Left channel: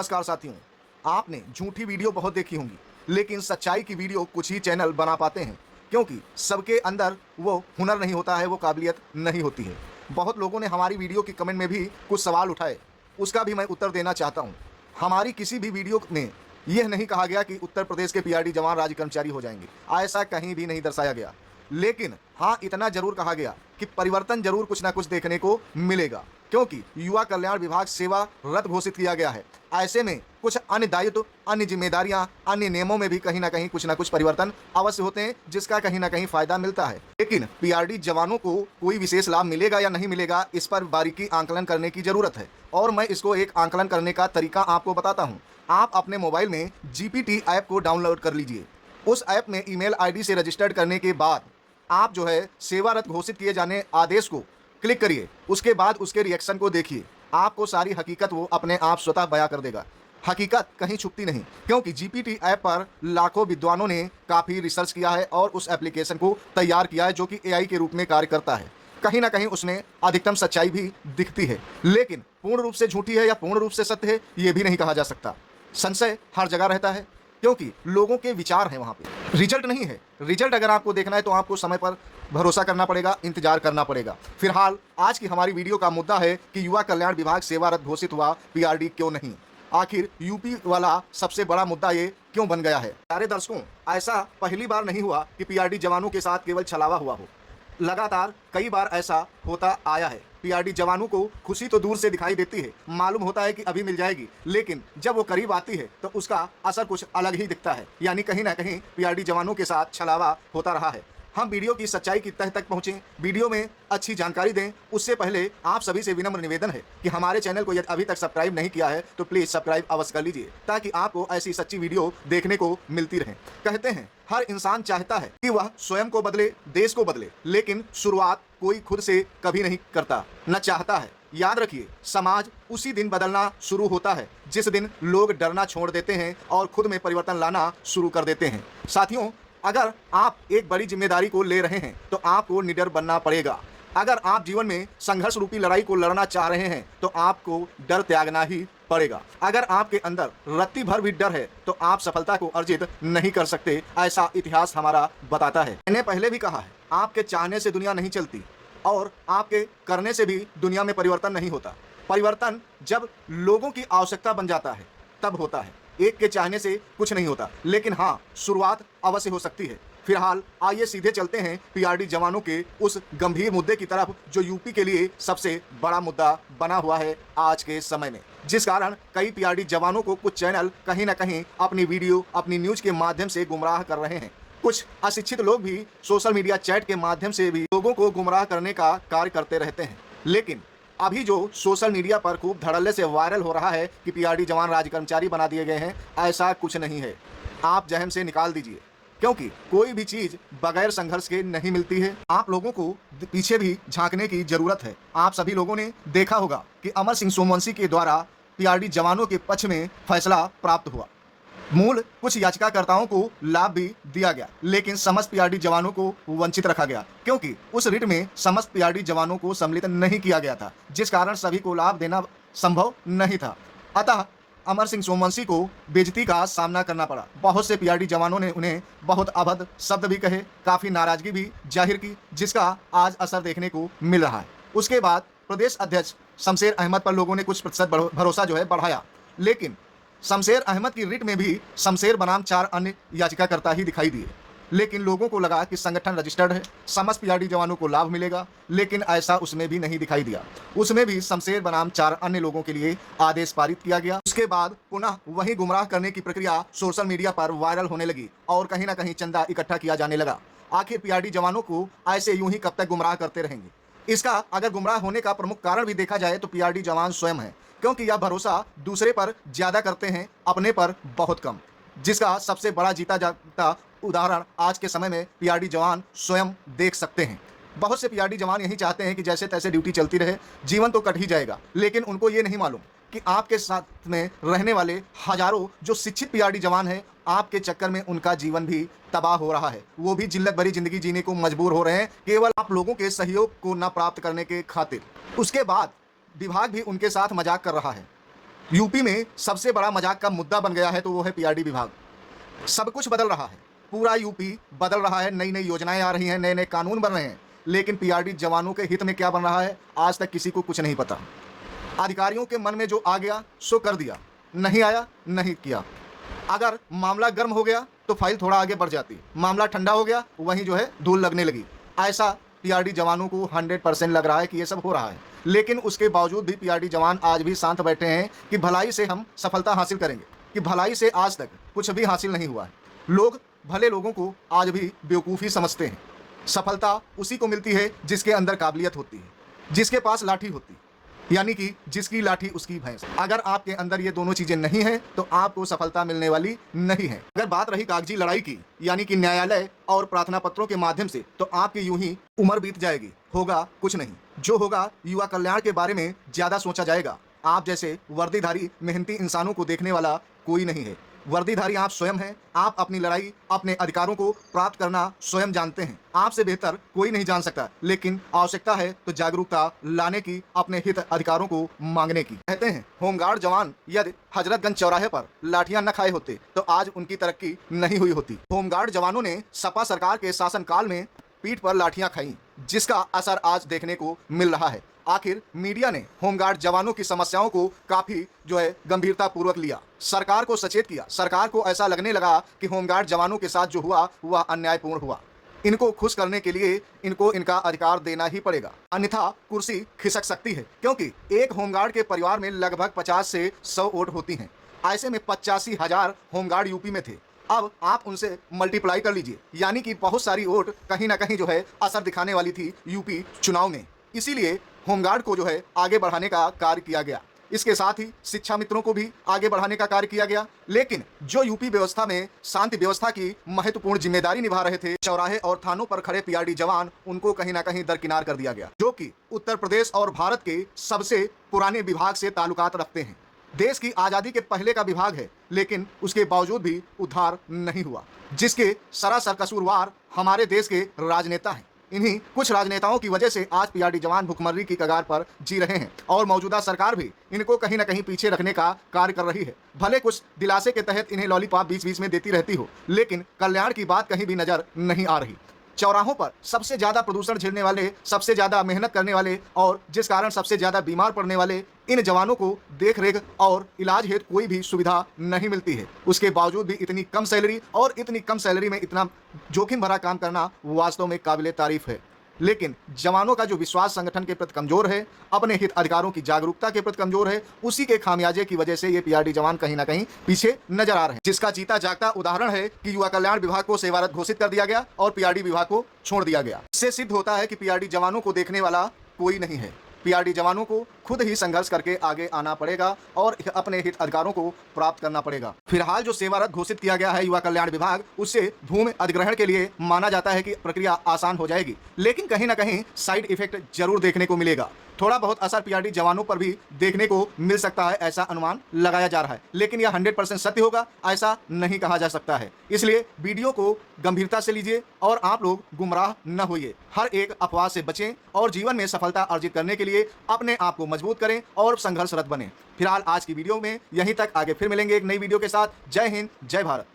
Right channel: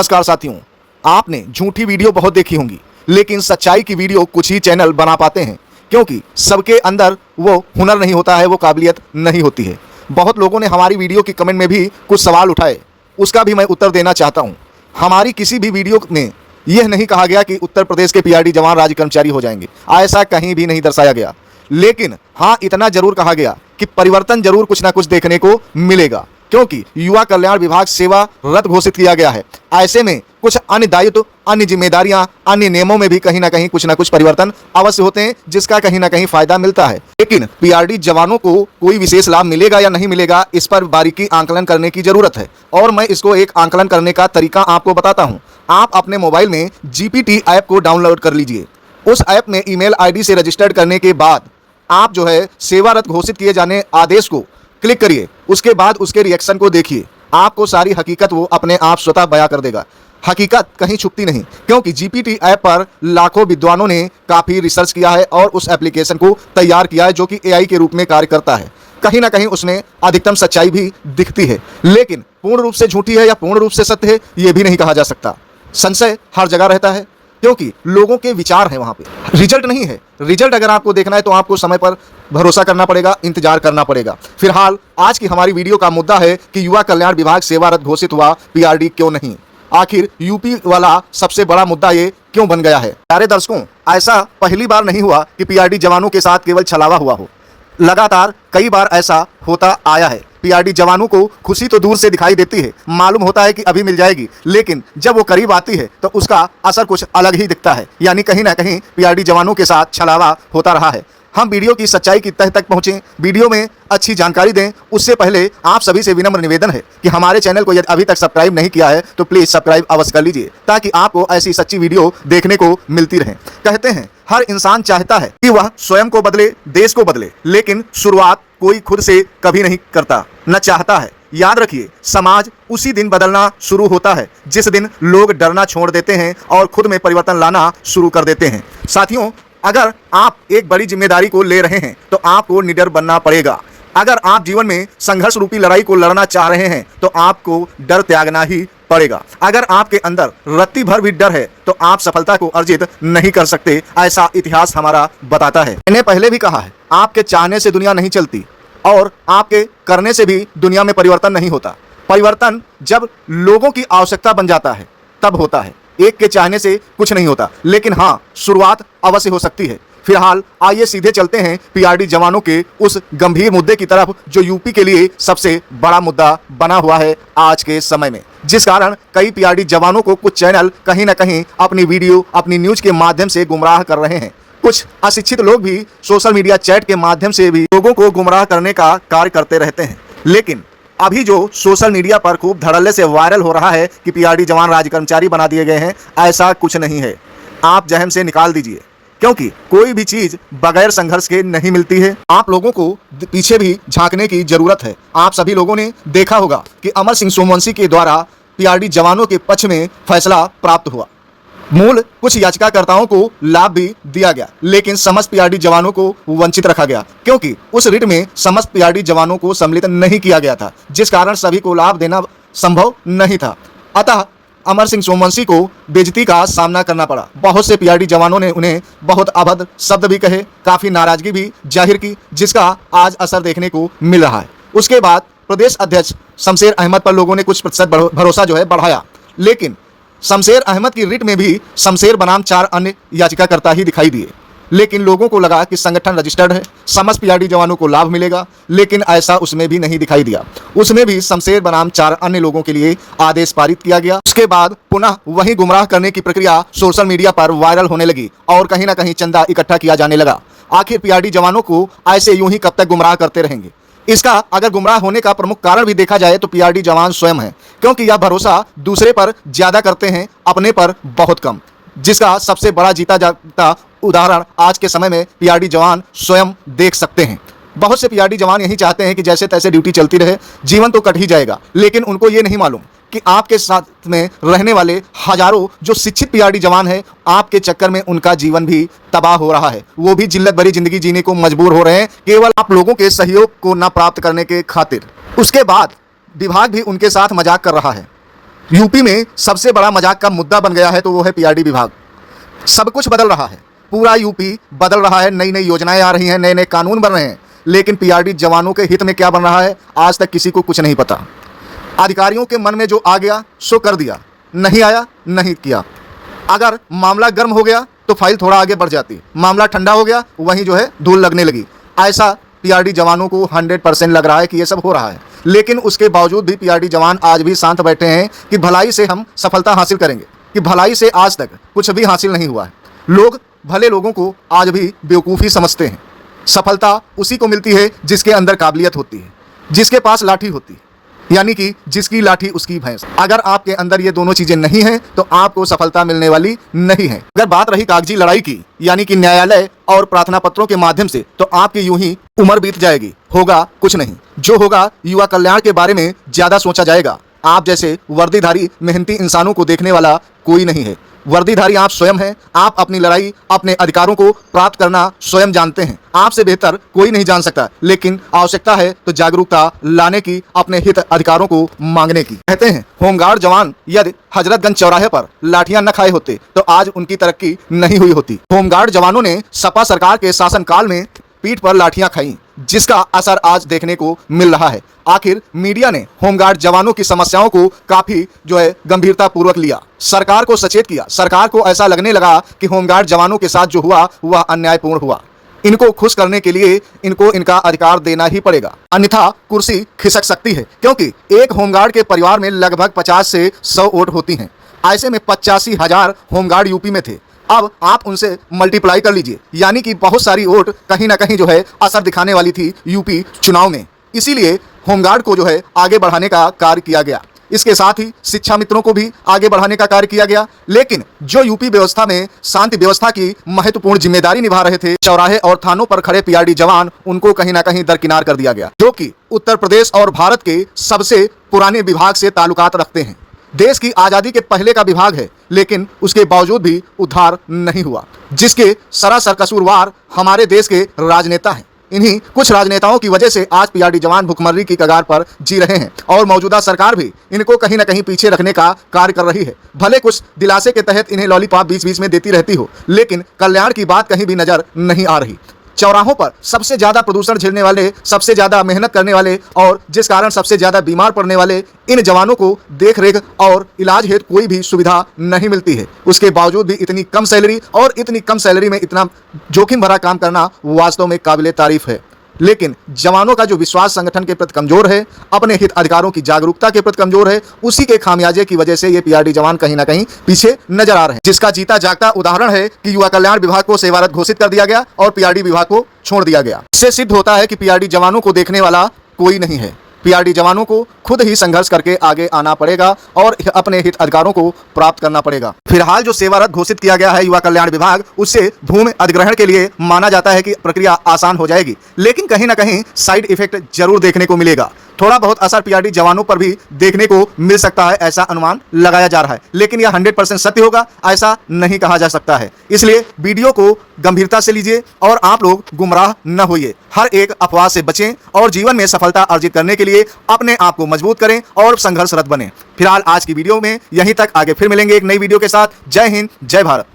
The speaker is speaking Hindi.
नमस्कार साथियों, आपने झूठी वीडियो बहुत देखी होंगी, लेकिन सच्चाई की वीडियो कुछ ही चैनल बना पाते हैं, क्योंकि सबके अंदर वो हुनर नहीं होता है, वो काबिलियत नहीं होती है। बहुत लोगों ने हमारी वीडियो की कमेंट में भी कुछ सवाल उठाए, उसका भी मैं उत्तर देना चाहता हूं। हमारी किसी भी वीडियो में यह नहीं कहा गया कि उत्तर प्रदेश के पीआरडी जवान राज्य कर्मचारी हो जाएंगे, ऐसा कहीं भी नहीं दर्शाया गया। लेकिन हाँ, इतना जरूर कहा गया कि परिवर्तन जरूर कुछ ना कुछ देखने को मिलेगा, क्योंकि युवा कल्याण विभाग सेवारत घोषित किया गया है। ऐसे में कुछ अन्य दायित्व, अन्य जिम्मेदारियां, अन्य नियमों में भी कहीं ना कुछ परिवर्तन अवश्य होते हैं, जिसका कहीं ना कहीं फायदा मिलता है। लेकिन पीआरडी जवानों को कोई विशेष लाभ मिलेगा या नहीं मिलेगा, इस पर बारीकी आंकलन करने की जरूरत है, और मैं इसको एक आंकलन करने का तरीका आपको बताता हूँ। आप अपने मोबाइल में जीपीटी ऐप को डाउनलोड कर लीजिए। उस ऐप में ईमेल आईडी से रजिस्टर्ड करने के बाद आप जो है सेवारत घोषित किए जाने आदेश को क्लिक करिए। उसके बाद उसके रिएक्शन को देखिए, आपको सारी हकीकत वो अपने आप स्वतः बयां कर देगा। हकीकत कहीं छुपती नहीं, क्योंकि जीपीटी ऐप पर लाखों विद्वानों ने काफ़ी रिसर्च किया है और उस एप्लीकेशन को तैयार किया है, जो कि एआई के रूप में कार्य करता है। कहीं ना कहीं उसमें अधिकतम सच्चाई भी दिखती है, लेकिन पूर्ण रूप से झूठी है या पूर्ण रूप से सत्य है, ये भी नहीं कहा जा सकता। संशय हर जगह रहता है, क्योंकि लोगों के विचार हैं वहाँ पे, रिजल्ट नहीं है। रिजल्ट अगर आपको देखना है तो आपको समय पर भरोसा करना पड़ेगा, इंतजार करना पड़ेगा। फिलहाल आज की हमारी वीडियो का मुद्दा है कि युवा कल्याण विभाग सेवारत घोषित हुआ, पीआरडी क्यों नहीं। आखिर यूपी वाला सबसे बड़ा मुद्दा ये क्यों बन गया है। प्यारे दर्शकों, ऐसा पहली बार नहीं हुआ कि पीआरडी जवानों के साथ केवल छलावा हुआ हो, लगातार कई बार ऐसा होता आया है। पीआरडी जवानों को खुशी तो दूर से दिखाई देती है, मालूम होता है कि अभी मिल जाएगी, लेकिन जब वो करीब आती है तो उसका असर कुछ अलग ही दिखता है। यानी कहीं ना कहीं पीआरडी जवानों के साथ छलावा होता रहा है। हम वीडियो की सच्चाई की तह तक पहुंचें, वीडियो में अच्छी जानकारी दें, उससे पहले आप सभी से विनम्र निवेदन है कि हमारे चैनल को यदि अभी तक सब्सक्राइब नहीं किया है तो प्लीज़ सब्सक्राइब अवश्य कर लीजिए, ताकि आपको ऐसी सच्ची वीडियो देखने को मिलती रहे। कहते हैं हर इंसान चाहता है कि वह स्वयं को बदले, देश को बदले, लेकिन शुरुआत कोई खुद से कभी नहीं करता, न चाहता है। याद रखिए, समाज उसी दिन बदलना शुरू होता है जिस दिन लोग डरना छोड़ देते हैं और खुद में परिवर्तन लाना शुरू कर देते हैं। साथियों, अगर आप एक बड़ी जिम्मेदारी को ले रहे हैं तो आपको निडर बनना पड़ेगा। अगर आप जीवन में संघर्ष रूपी लड़ाई को लड़ना चाह रहे हैं तो आपको डर त्यागना ही पड़ेगा। अगर आपके अंदर रत्ती भर भी डर है तो आप सफलता को अर्जित नहीं कर सकते, ऐसा इतिहास हमारा बताता है। मैंने पहले भी कहा है, आपके चाहने से दुनिया नहीं चलती और आपके करने से भी दुनिया में परिवर्तन नहीं होता। परिवर्तन जब लोगों की आवश्यकता बन जाता है तब होता है। एक के चाहने से कुछ नहीं होता, लेकिन हाँ, शुरुआत अवश्य हो सकती है। फिलहाल आइए सीधे चलते हैं पीआरडी जवानों के उस गंभीर मुद्दे की तरफ, जो यूपी के लिए सबसे बड़ा मुद्दा बना हुआ है आज के समय में, जिस कारण कई पीआरडी जवानों को कुछ चैनल कहीं ना कहीं अपनी वीडियो, अपनी न्यूज के माध्यम से गुमराह कर रहे हैं। कुछ अशिक्षित लोग भी सोशल मीडिया चैट के माध्यम से भी लोगों को गुमराह करने का कार्य करते रहते हैं। लेकिन अभी जो सोशल मीडिया पर खूब धड़ल्ले से वायरल हो रहा है कि पीआरडी जवान राज्य कर्मचारी बना दिए गए हैं, ऐसा कुछ नहीं है। आप जहन से निकाल दीजिए, क्योंकि कोई भी चीज बगैर संघर्ष के नहीं मिलती है। आप लोगों को पीछे भी झांकने की जरूरत है। आप सभी लोगों ने देखा होगा कि अमर सिंह सोमवंशी के द्वारा पीआरडी जवानों के पक्ष में फैसला प्राप्त हुआ। मूल कुछ याचिकाकर्ताओं को लाभ भी दिया गया, लेकिन समस्त पीआरडी जवानों को वंचित रखा गया, क्योंकि उस रिट में समस्त पीआरडी जवानों को सम्मिलित नहीं किया गया था, जिस कारण सभी को लाभ देना संभव नहीं था। अतः अमर सिंह सोमवंशी को बेइज्जती का सामना करना पड़ा। बहुत से पीआरडी जवानों ने उन्हें बहुत अभद्र शब्द भी कहे, काफ़ी नाराजगी भी जाहिर की, जिसका आज असर देखने को मिल रहा है। उसके बाद प्रदेश अध्यक्ष शमशेर अहमद पर लोगों ने कुछ प्रतिशत भरोसा जो है बढ़ाया, लेकिन शमशेर अहमद की रिट में भी शमशेर बनाम 4 अन्य याचिकाकर्ता ही दिखाई दिए। लेकिन लोगों को लगा कि संगठन रजिस्टर्ड है, समस्त पीआरडी जवानों को लाभ मिलेगा, लेकिन ऐसा उसमें भी नहीं दिखाई दिया। उसमें भी शमशेर बनाम 4 अन्य लोगों के लिए आदेश पारित किया गया। उसके बाद पुनः वही गुमराह करने की प्रक्रिया सोशल मीडिया पर वायरल होने लगी और कहीं ना कहीं चंदा इकट्ठा किया जाने लगा। आखिर पीआरडी जवानों को ऐसे यूं ही कब तक गुमराह करते रहेंगे। इसका अगर गुमराह होने का प्रमुख कारण भी देखा जाए तो पीआरडी जवान स्वयं है, क्योंकि यह भरोसा दूसरे पर ज्यादा करते हैं, अपने पर बहुत कम, जिसका सबसे बड़ा जीता जागता उदाहरण आज के समय में पीआरडी जवान स्वयं देख सकते हैं। बहुत से पीआरडी जवान यही चाहते हैं कि जैसे तैसे ड्यूटी चलती रहे, जीवन तो कट ही जाएगा, लेकिन उनको ये नहीं मालूम कि आपके साथ में रहने वाले हजारों जो शिक्षित पीआरडी जवान हैं, आपके चक्कर में उनका जीवन भी तबाह हो रहा है। वो भी जिल्लत भरी जिंदगी जीने को मजबूर हो रहे हैं, केवल आप लोगों के सहयोग को न प्राप्त करने के खातिर। उसके बाद विभाग भी उनके साथ मजाक कर रहा है। यूपी में सबसे बड़ा मजाक का मुद्दा बन गया है तो वो है पीआरडी विभाग। सब कुछ बदल रहा है, पूरा यूपी बदल रहा है, नई नई योजनाएं आ रही हैं, नए नए कानून बन रहे हैं, लेकिन पीआरडी जवानों के हित में क्या बन रहा है आज तक किसी को कुछ नहीं पता। अधिकारियों के मन में जो आ गया सो कर दिया, नहीं आया नहीं किया। अगर मामला गर्म हो गया तो फाइल थोड़ा आगे बढ़ जाती, मामला ठंडा हो गया वहीं जो है धूल लगने लगी। ऐसा पीआरडी जवानों को 100% लग रहा है कि ये सब हो रहा है, लेकिन उसके बावजूद भी पीआरडी जवान आज भी शांत बैठे हैं कि भलाई से हम सफलता हासिल करेंगे, कि भलाई से आज तक कुछ भी हासिल नहीं हुआ है। लोग भले लोगों को आज भी बेवकूफ़ी समझते हैं। सफलता उसी को मिलती है जिसके अंदर काबिलियत होती है, जिसके पास लाठी होती है, यानी कि जिसकी लाठी उसकी भैंस। अगर आपके अंदर ये दोनों चीजें नहीं हैं तो आपको सफलता मिलने वाली नहीं है। अगर बात रही कागजी लड़ाई की, यानी कि न्यायालय और प्रार्थना पत्रों के माध्यम से, तो आपकी यूं ही उम्र बीत जाएगी, होगा कुछ नहीं। जो होगा युवा कल्याण के बारे में ज्यादा सोचा जाएगा। आप जैसे वर्दीधारी मेहनती इंसानों को देखने वाला कोई नहीं है। वर्दीधारी आप स्वयं हैं। आप अपनी लड़ाई, अपने अधिकारों को प्राप्त करना स्वयं जानते हैं। आपसे बेहतर कोई नहीं जान सकता, लेकिन आवश्यकता है तो जागरूकता लाने की, अपने हित अधिकारों को मांगने की। कहते हैं होमगार्ड जवान यदि हजरतगंज चौराहे पर लाठियां न खाए होते तो आज उनकी तरक्की नहीं हुई होती। होमगार्ड जवानों ने सपा सरकार के शासनकाल में पीठ पर लाठियां खाई, जिसका असर आज देखने को मिल रहा है। आखिर मीडिया ने होमगार्ड जवानों की समस्याओं को काफी जो है गंभीरता पूर्वक लिया, सरकार को सचेत किया। सरकार को ऐसा लगने लगा कि होमगार्ड जवानों के साथ जो हुआ वह अन्यायपूर्ण हुआ। इनको खुश करने के लिए इनको इनका अधिकार देना ही पड़ेगा, अन्यथा कुर्सी खिसक सकती है। क्योंकि एक होमगार्ड के परिवार में लगभग 50 से 100 वोट होती हैं। ऐसे में 85,000 होमगार्ड यूपी में थे। अब आप उनसे मल्टीप्लाई कर लीजिए, यानी कि बहुत सारी वोट कहीं ना कहीं जो है असर दिखाने वाली थी यूपी चुनाव में। इसीलिए होमगार्ड को जो है आगे बढ़ाने का कार्य किया गया। इसके साथ ही शिक्षा मित्रों को भी आगे बढ़ाने का कार्य किया गया। लेकिन जो यूपी व्यवस्था में शांति व्यवस्था की महत्वपूर्ण जिम्मेदारी निभा रहे थे, चौराहे और थानों पर खड़े पीआरडी जवान, उनको कहीं ना कहीं दरकिनार कर दिया गया, जो कि उत्तर प्रदेश और भारत के सबसे पुराने विभाग से ताल्लुकात रखते हैं। देश की आज़ादी के पहले का विभाग है, लेकिन उसके बावजूद भी उद्धार नहीं हुआ, जिसके सरासर कसूरवार हमारे देश के राजनेता हैं। इन्हीं कुछ राजनेताओं की वजह से आज पीआरडी जवान भुखमरी की कगार पर जी रहे हैं और मौजूदा सरकार भी इनको कहीं ना कहीं पीछे रखने का कार्य कर रही है। भले कुछ दिलासे के तहत इन्हें लॉलीपॉप बीच बीच में देती रहती हो, लेकिन कल्याण की बात कहीं भी नजर नहीं आ रही। चौराहों पर सबसे ज्यादा प्रदूषण झेलने वाले, सबसे ज्यादा मेहनत करने वाले और जिस कारण सबसे ज्यादा बीमार पड़ने वाले इन जवानों को देख रेख और इलाज हेतु कोई भी सुविधा नहीं मिलती है। उसके बावजूद भी इतनी कम सैलरी और इतनी कम सैलरी में इतना जोखिम भरा काम करना वास्तव में काबिले तारीफ है। लेकिन जवानों का जो विश्वास संगठन के प्रति कमजोर है, अपने हित अधिकारों की जागरूकता के प्रति कमजोर है, उसी के खामियाजे की वजह से ये पीआरडी जवान कहीं ना कहीं पीछे नजर आ रहे हैं। जिसका जीता जागता उदाहरण है कि युवा कल्याण विभाग को सेवारत घोषित कर दिया गया और पीआरडी विभाग को छोड़ दिया गया। इससे सिद्ध होता है कि पीआरडी जवानों को देखने वाला कोई नहीं है। पीआरडी जवानों को खुद ही संघर्ष करके आगे आना पड़ेगा और अपने हित अधिकारों को प्राप्त करना पड़ेगा। फिलहाल जो सेवारत घोषित किया गया है युवा कल्याण विभाग, उससे भूमि अधिग्रहण के लिए माना जाता है कि प्रक्रिया आसान हो जाएगी, लेकिन कहीं ना कहीं साइड इफेक्ट जरूर देखने को मिलेगा। थोड़ा बहुत असर पीआरडी जवानों पर भी देखने को मिल सकता है, ऐसा अनुमान लगाया जा रहा है, लेकिन यह 100% सत्य होगा ऐसा नहीं कहा जा सकता है। इसलिए वीडियो को गंभीरता से लीजिए और आप लोग गुमराह न होइए। हर एक अफवाह से बचें और जीवन में सफलता अर्जित करने के लिए अपने आप को मजबूत करें और संघर्षरत बने। फिलहाल आज की वीडियो में यहीं तक, आगे फिर मिलेंगे एक नई वीडियो के साथ। जय हिंद, जय भारत।